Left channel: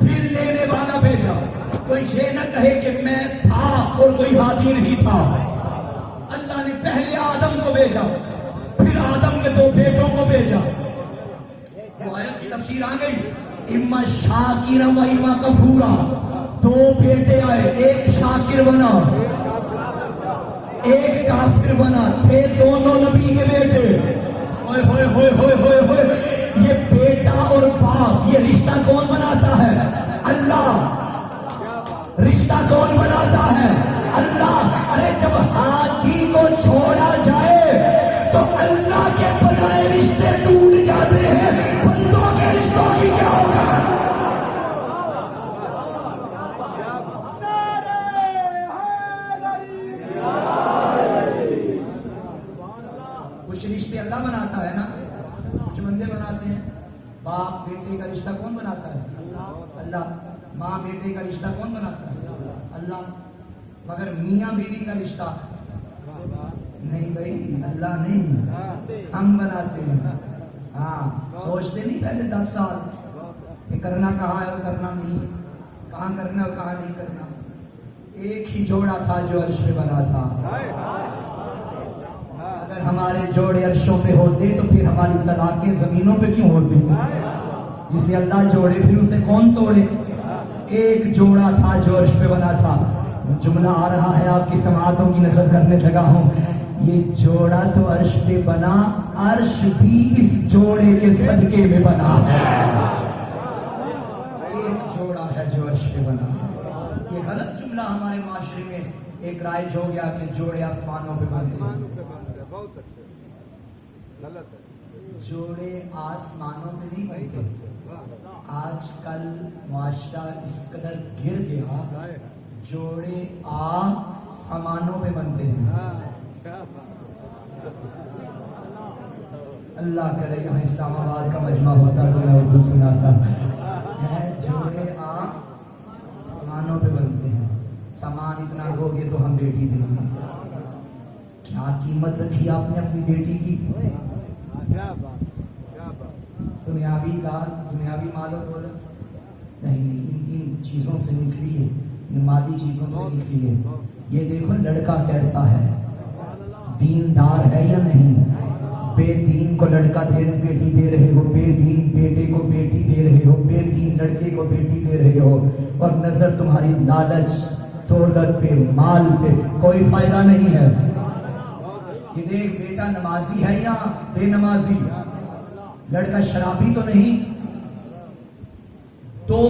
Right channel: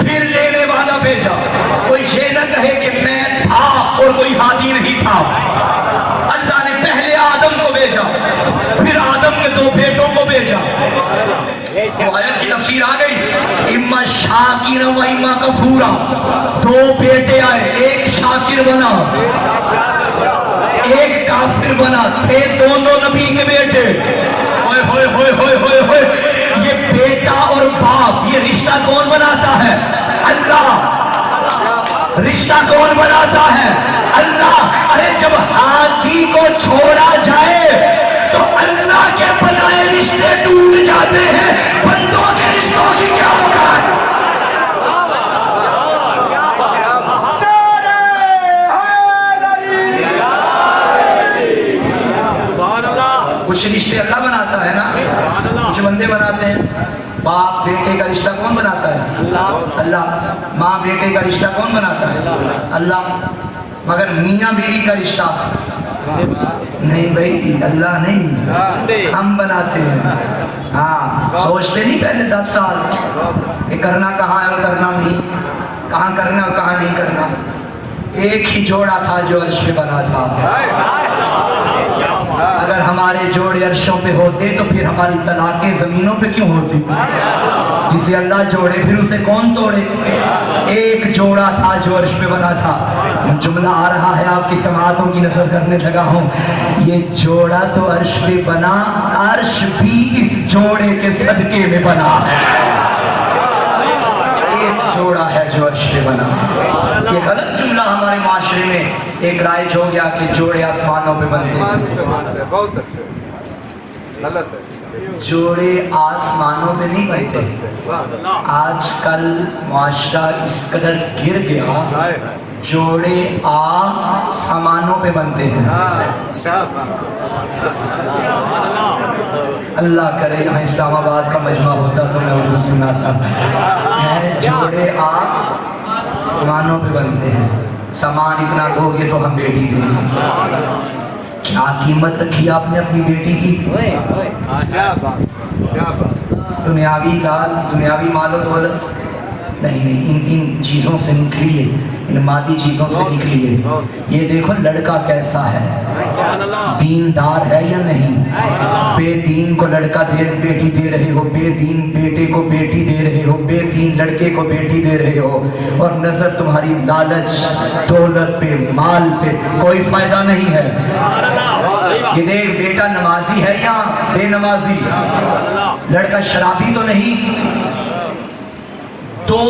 پھر لینے والا بھیجا. کوئی یہ نہ کہے کہ میں تھا اور کوئی ہادی نہیں تھا. اللہ نے پہلے آدم کو بھیجا, پھر آدم کے 2 بیٹوں کو بھیجا. تو آیت کی تفسیر آ گئی, اما شاکرا و اما کفورا. 2 بیٹے آئے, ایک شاکر بنا ایک کافر بنا. تھے دونوں نبی کے بیٹے. ہوئے ہوئے ہوئے ہوئے ہوئے ہوئے, یہ بیٹا اور باپ یہ رشتہ کون بناتا ہے؟ اللہ. رشتہ کون بناتا ہے؟ اللہ. ارے جب ہاتھی کو چھوڑا جائے تو اللہ کے بنائے رشتے ٹوٹ جاتے ہیں, بندوں کے رشتوں کی کیا ہوگا؟ کچھ رشتے اللہ بناتا ہے نا, کچھ بندے بناتے ہیں. باپ بیٹے کا رشتہ کون بناتا ہے؟ اللہ. ماں بیٹے کا رشتہ کون بناتا ہے؟ اللہ. مگر میاں بیوی کا رشتہ نہیں بھائی, اللہ نہیں, ہم بناتے ہیں. ہاں, سوچتے نہیں پہلے 10 سال کہ کرنا کہاں ہے اور کرنا نہیں, کہاں کرنا اور کہاں نہیں کرنا. ایک ہی جوڑا تھا جو عرش پہ بنا تھا. اگر ہمارے جوڑے عرشوں پہ ہوتے تو پھر ہماری طلاقیں زمینوں پہ کیوں ہوتی؟ جسے اللہ جوڑے پھر اسے کون توڑے؟ ایک جوڑا تھا جو عرش پہ بنا تھا. جملہ آ رہا ہے, آپ کی سماعتوں کی نظر کرنے لگا ہوں. یہ جوڑا تو عرش پہ بنا, عرش بھی اس جوڑے کے صدقے میں بنا ہے. ایک جوڑا ہے جو عرش پہ بنا. یہ غلط جملہ ہمارے معاشرے میں ایک رائج ہو گیا کہ جوڑے آسمانوں پہ بنتے ہیں. بہت اچھے, غلط ہے. جوڑے آسمانوں پہ نہیں بنتے. آج کل معاشرہ اس قدر گر گیا, جوڑے آسمانوں پہ بنتے ہیں. اللہ کرے یہاں اسلام آباد کا مجمع ہوتا تو میں اردو سناتا. جوڑے آسمانوں پہ بنتے ہیں. سامان اتنا دو گے تو ہم بیٹی دیں گے. کیا قیمت رکھی آپ نے اپنی بیٹی کی؟ دنیاوی لال, دنیاوی مال و دولت نہیں, ان چیزوں سے نکلیے, ان مادی چیزوں سے نکلیے. یہ دیکھو لڑکا کیسا ہے, دیندار ہے یا نہیں. بے دین کو لڑکا بیٹی دے رہے ہو, بے دین بیٹے کو بیٹی دے رہے ہو, بے دین لڑکے کو بیٹی دے رہے ہو, اور نظر تمہاری لالچ, دولت پہ, مال پہ. کوئی فائدہ نہیں ہے. یہ دیکھ, بیٹا نمازی ہے یا بے نمازی, لڑکا شرابی تو نہیں. 2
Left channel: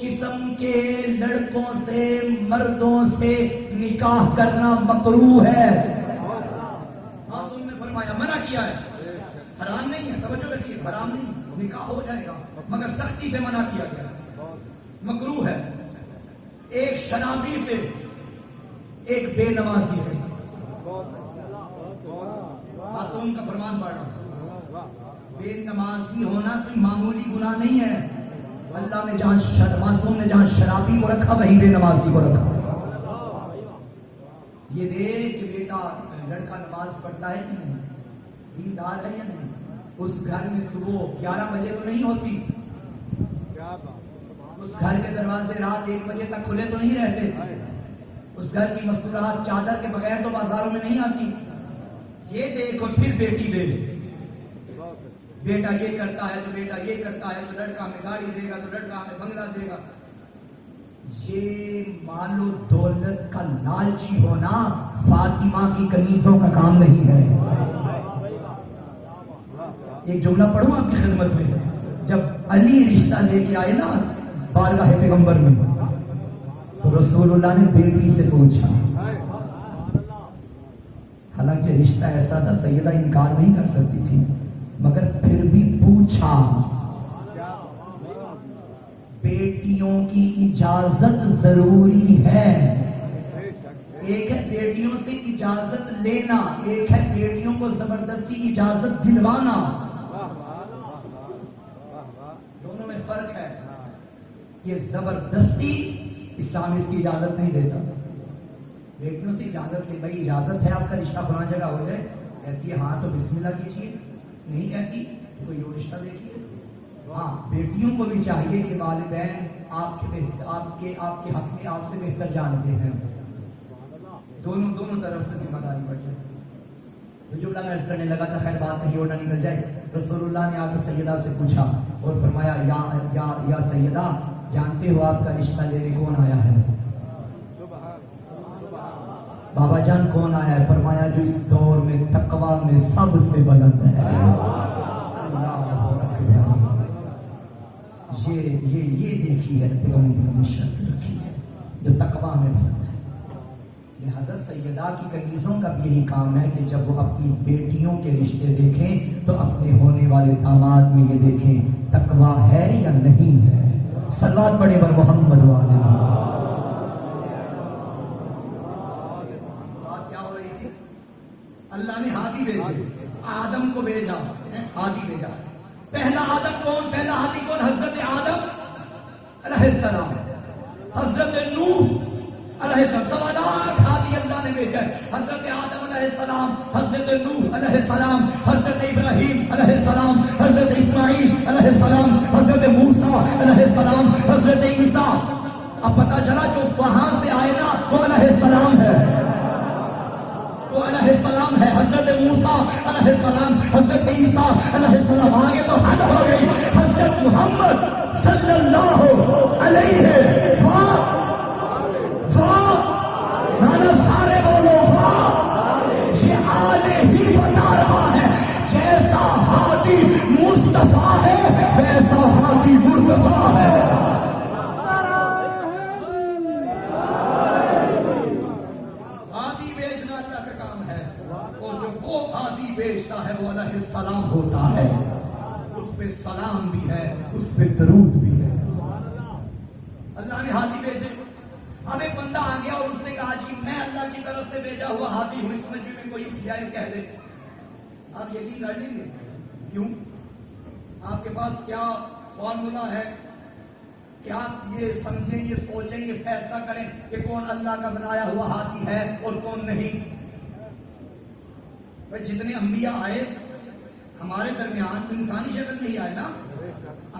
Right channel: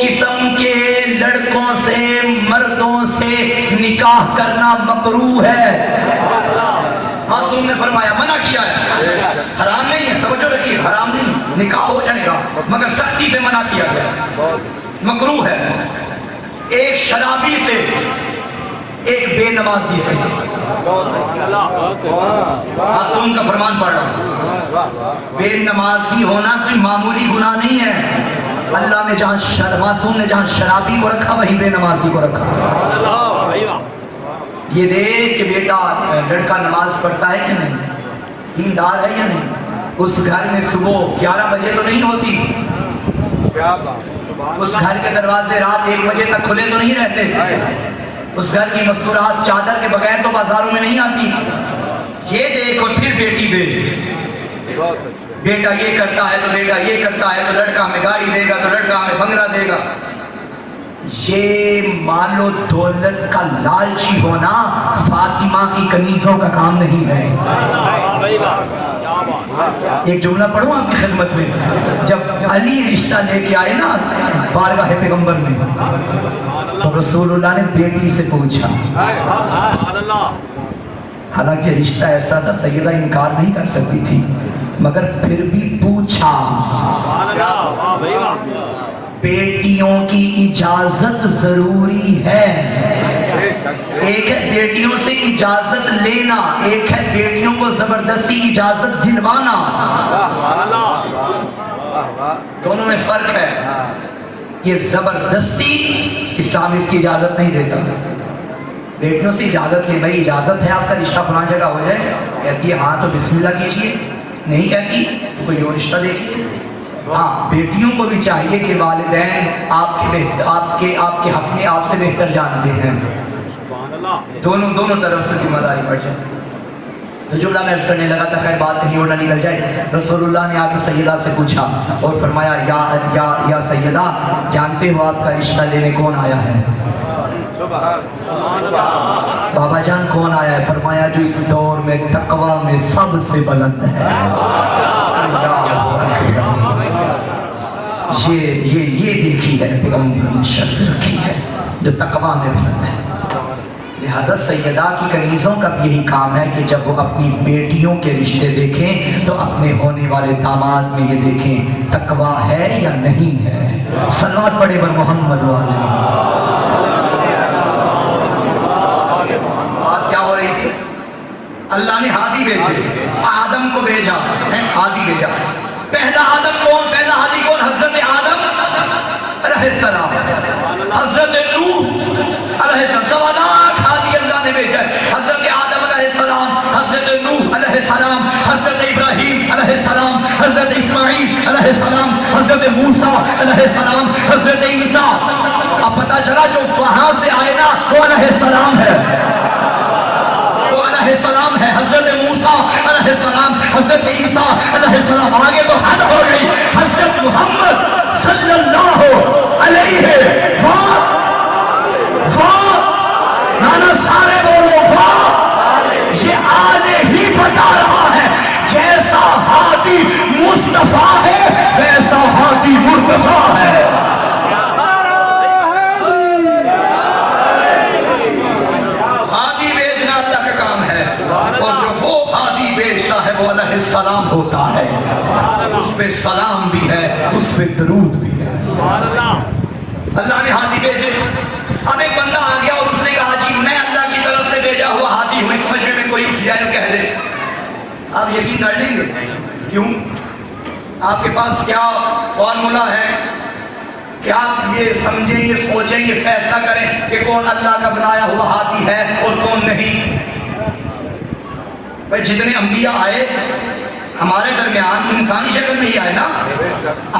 قسم کے لڑکوں سے, مردوں سے نکاح کرنا مکروہ ہے. معصوم نے فرمایا, منع کیا ہے, حرام نہیں ہے. توجہ رکھیے, حرام نہیں, نکاح ہو جائے گا مگر سختی سے منع کیا گیا, مکروہ ہے. ایک شرابی سے, ایک بے نمازی سے. معصوم کا فرمان پڑھ رہا ہوں. بے نمازی ہونا کوئی معمولی گناہ نہیں ہے. اللہ نے جہاں معصوم نے جہاں شرابی کو رکھا وہیں بے نمازی کو رکھا. یہ دیکھ کہ بیٹا لڑکا نماز پڑھتا ہے کہ نہیں, دیندار ہے یا نہیں. اس گھر میں صبح 11 بجے تو نہیں ہوتی, اس گھر کے دروازے رات 1 بجے تک کھلے تو نہیں رہتے, اس گھر کی مستورات چادر کے بغیر تو بازاروں میں نہیں آتی. یہ دیکھو پھر بیٹی دے. بیٹا یہ کرتا ہے تو بیٹا یہ کرتا ہے تو لڑکا ہمیں گاڑی دے گا تو لڑکا ہمیں بنگلہ دے گا. یہ مال و دولت کا لالچی ہونا فاطمہ کی کنیزوں کا کام نہیں ہے. ایک جملہ پڑھوں آپ کی خدمت میں. جب علی رشتہ لے کے آئے نا بارگاہ پیغمبر میں, تو رسول اللہ نے بیٹی سے پوچھا, حالانکہ رشتہ ایسا تھا سیدہ انکار نہیں کر سکتی تھی, مگر پھر بھی پوچھا, بیٹیوں کی اجازت ضروری ہے. ایک ہے بیٹیوں سے اجازت لینا, ایک ہے بیٹیوں کو زبردستی اجازت دلوانا. دونوں میں فرق ہے. یہ زبردستی اسلام اس کی اجازت نہیں دیتا. بیٹیوں سے اجازت لے, بھائی اجازت ہے آپ کا رشتہ فلاں جگہ ہو جائے, کہتی ہے ہاں تو بسم اللہ کیجیے, نہیں کہتی تو کوئی اور رشتہ دیکھیے. ہاں بیٹیوں کو بھی چاہیے کہ والدین آپ کے حق میں آپ سے بہتر جانتے ہیں، دونوں طرف سے ذمہ داری پڑ جاتی ہے۔ تو جملہ میں عرض کرنے لگا تھا، خیر بات کہیں اور نہ نکل جائے، رسول اللہ نے آ کے سیدہ سے پوچھا اور فرمایا یا سیدہ، جانتے ہو آپ کا رشتہ لینے کون آیا ہے؟ بابا جان کون آیا ہے؟ فرمایا جو اس دور میں تقوی میں سب سے بلند ہے۔ یہ دیکھی ہے پیغمبر نے شرط رکھی ہے جو تقوی میں بلند ہے۔ لہذا سیدہ کی کنیزوں کا بھی یہی کام ہے کہ جب وہ اپنی بیٹیوں کے رشتے دیکھیں تو اپنے ہونے والے داماد میں یہ دیکھیں تقوی ہے یا نہیں ہے۔ صلوات پڑھے بر محمد والے۔ بات کیا ہو رہی تھی؟ اللہ نے ہادی بھیجے، آدم کو بھیجا، ہادی بھیجا۔ پہلا آدم کون؟ پہلا ہادی کون؟ حضرت آدم علیہ السلام، حضرت نوح علیہ السلام، سوالات ہادی اللہ نے بھیجا ہے۔ حضرت آدم علیہ السلام، حضرت نوح علیہ السلام، حضرت ابراہیم علیہ السلام، حضرت اسماعیل علیہ السلام، حضرت موسیٰ علیہ السلام، حضرت عیسیٰ۔ اب پتہ چلا جو وہاں سے آئے نا وہ علیہ السلام ہے، وہ علیہ السلام ہے۔ حضرت موسیٰ علیہ السلام، حضرت عیسیٰ علیہ السلام، آگے تو حد ہو گئی۔ حضرت محمد صلی اللہ علیہ نانا سارے بولو واہ، یہ آنے ہی بتا رہا ہے جیسا ہادی مصطفیٰ ہے ویسا ہادی مرتضیٰ ہے۔ ہادی بھیجنا اللہ کا کام ہے، اور جو وہ ہادی بھیجتا ہے وہ علیہ السلام ہوتا ہے، اس پہ سلام بھی ہے، اس پہ درود بھی ہے۔ اللہ نے ہادی بھیجے۔ اب ایک بندہ آ گیا اور اس نے کہا جی میں اللہ کی طرف سے بھیجا ہوا ہادی ہوں، اس مجمع میں کوئی اٹھ جائے اور کہہ دے، آپ یقین کر لیں گے؟ کیوں؟ آپ کے پاس کیا فارمولا ہے کہ آپ یہ سمجھیں، یہ سوچیں، یہ فیصلہ کریں کہ کون اللہ کا بنایا ہوا ہادی ہے اور کون نہیں؟ بھائی جتنے انبیاء آئے ہمارے درمیان انسانی شکل میں ہی آئے نا،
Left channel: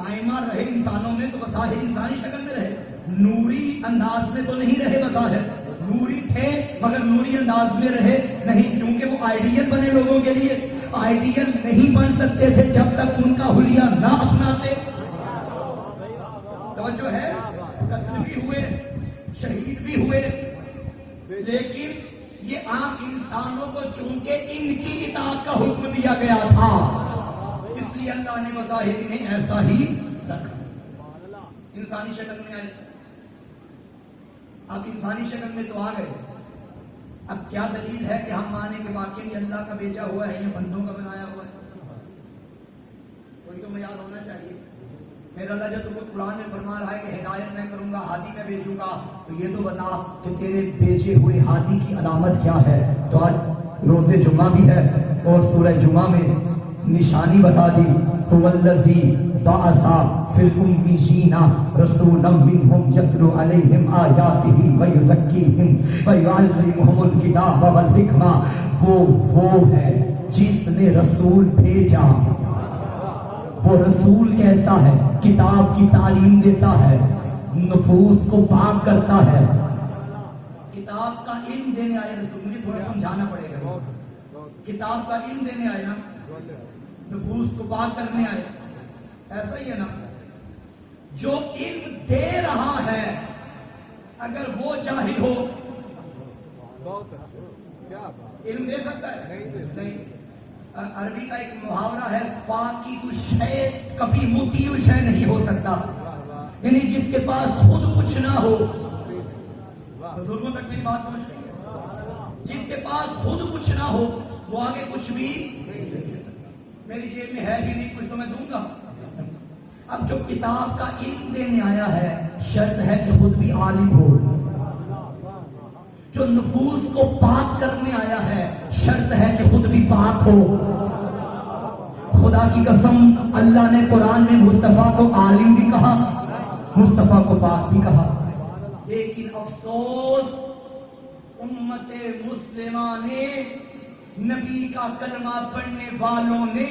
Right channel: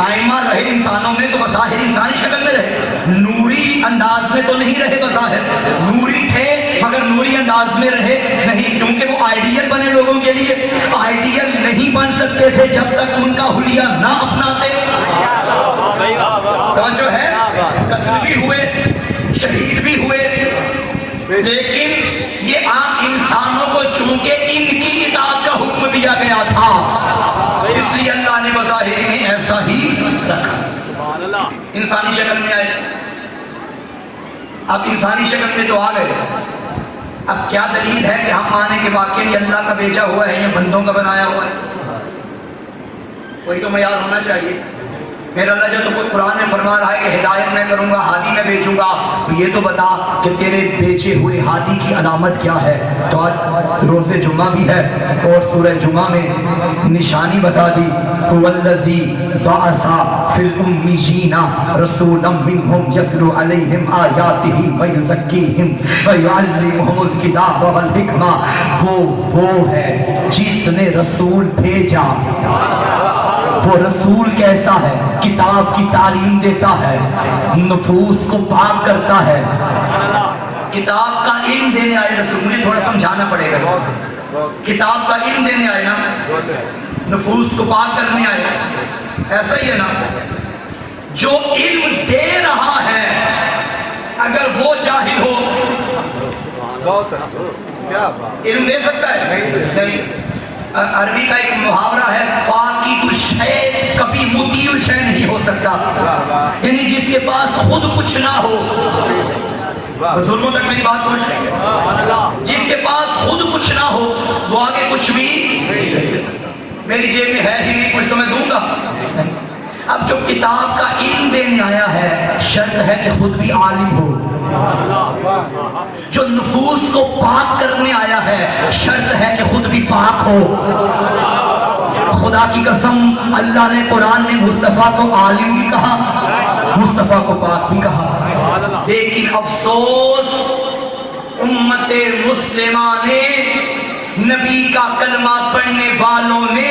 آئمہ رہے انسانوں میں تو بظاہر انسانی شکل میں رہے، نوری انداز میں تو نہیں رہے، بظاہر نوری تھے مگر نوری انداز میں رہے نہیں، کیونکہ وہ آئیڈیل بنے لوگوں کے لیے، آئیڈیل نہیں بن سکتے تھے جب تک ان کا حلیہ نہ اپناتے۔ توجہ ہے؟ قتل بھی ہوئے، شہید بھی ہوئے، لیکن یہ عام انسانوں کو چونکہ ان کی اطاعت کا حکم دیا گیا تھا، اس لیے اللہ نے بظاہر میں ایسا ہی رکھا۔ انسانی شکل میں آئے، اب انسانی شکل میں تو آ گئے، اب کیا دلیل ہے کہ ہم آنے کے واقعے یہ اللہ کا بھیجا ہوا ہے یا بندوں کا بنایا ہوا ہے؟ کوئی تو معیار ہونا چاہیے۔ میرا اللہ جو تو کوئی قرآن میں فرما رہا ہے کہ ہدایت میں کروں گا، ہادی میں بھیجوں گا، تو یہ تو بتا کہ تیرے بھیجے ہوئے ہادی کی علامت کیا ہے؟ تو آج روز جمعہ بھی ہے اور سورہ جمعہ میں نشانی بتا دی، هو الذی بعث فی الامیین رسولا منہم یتلو علیہم آیاتہ ویزکیہم ویعلمہم الکتاب والحکمہ۔ وہ ہے جس نے رسول بھیجا۔ وہ رسول کیسا ہے؟ کتاب کی تعلیم دیتا ہے، نفوس کو پاک کرتا ہے، کتاب کا علم دینے آئے رسول۔ مجھے تھوڑا سمجھانا پڑے گا، کتاب کا علم دینے آئے نا، نفوس کو پاک کرنے آئے، ایسا ہی ہے نا؟ جو علم دے رہا ہے اگر وہ جاہل ہو علم دے سکتا ہے؟ نہیں۔ عربی کا ایک محاورہ ہے، فاقد الشیء کبھی مطیع الشیء نہیں ہو سکتا، یعنی جس کے پاس خود کچھ نہ ہو، بزرگوں تک میری بات پہنچ رہی ہے، جس کے پاس خود کچھ نہ ہو وہ آگے کچھ بھی نہیں دے سکتا۔ میری جیب میں ہے ہی نہیں کچھ تو میں دوں گا؟ اب جو کتاب کا علم دینے آیا ہے شرط ہے کہ خود بھی عالم ہو، جو نفوس کو پاک کرنے آیا ہے شرط ہے کہ خود بھی پاک ہو۔ خدا کی قسم اللہ نے قرآن میں مصطفیٰ کو عالم بھی کہا، مصطفیٰ کو پاک بھی کہا، لیکن افسوس امت مسلمہ نے، نبی کا کلمہ پڑھنے والوں نے